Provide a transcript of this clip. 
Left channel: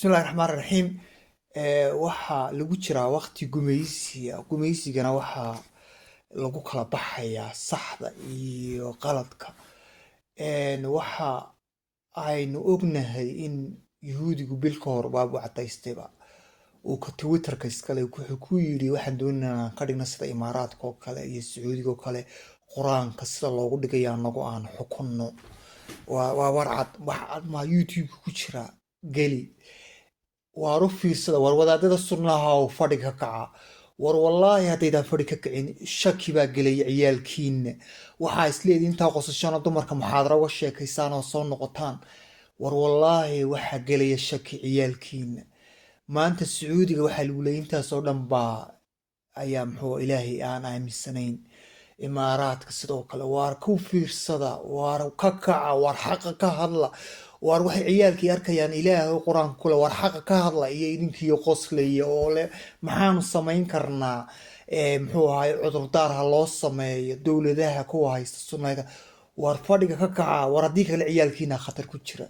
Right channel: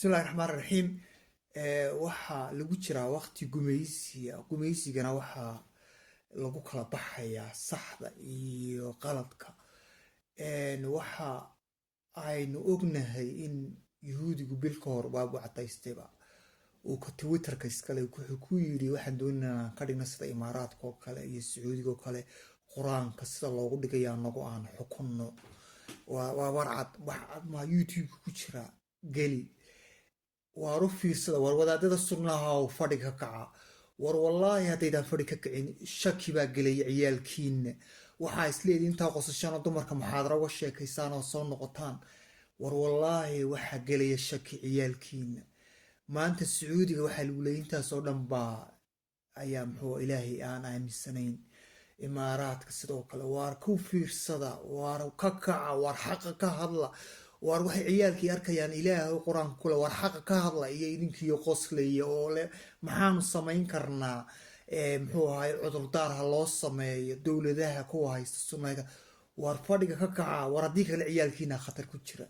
bismillahi raxmaan raxiim. Waxaa lagu jiraa waqti gumaysigana waxaa lagu kala baxayaa saxda iyo qaladka. Waxa aynu ognahay in yuhuudigu bil ka hor baabu cadaystayba uu ka twitterka iskale wuxuu ku yiri waxaan doonaynaa ka dhigna sida imaaraadka oo kale iyo sacuudiga oo kale quraanka sida loogu dhigayaa nagu aan xukunno. waa warcad wax ma youtube ku jira geli waru fiirsada war wadaadada sunnaha oo fadhi ka kaca war wallaahi haddaydan fadhi ka kicin shaki baa gelay ciyaalkiina waxaa isleediin intaa qosashana dumarka muxaadara uga sheekaysaan oo soo noqotaan war wallaahi waxaa gelaya shaki ciyaalkiina maanta sacuudiga waxaa lagu leeyahay intaasoo dhan baa ayaa muxuu ilaahay aan aaminsanayn imaaraadka sidoo kale waar ku fiirsada waar ka kaca waar xaqa ka hadla waar waxay ciyaalkii arkayaan ilaahay quraanka kule waar xaqa ka hadla iyo idinkiyo qoslaya oo leh maxaanu samayn karnaa muxuu ahay cudurdaar ha loo sameeyo dowladaha kuwa haysta sunnada waar fadhiga ka kaca waar haddii kale ciyaalkiina khatar ku jira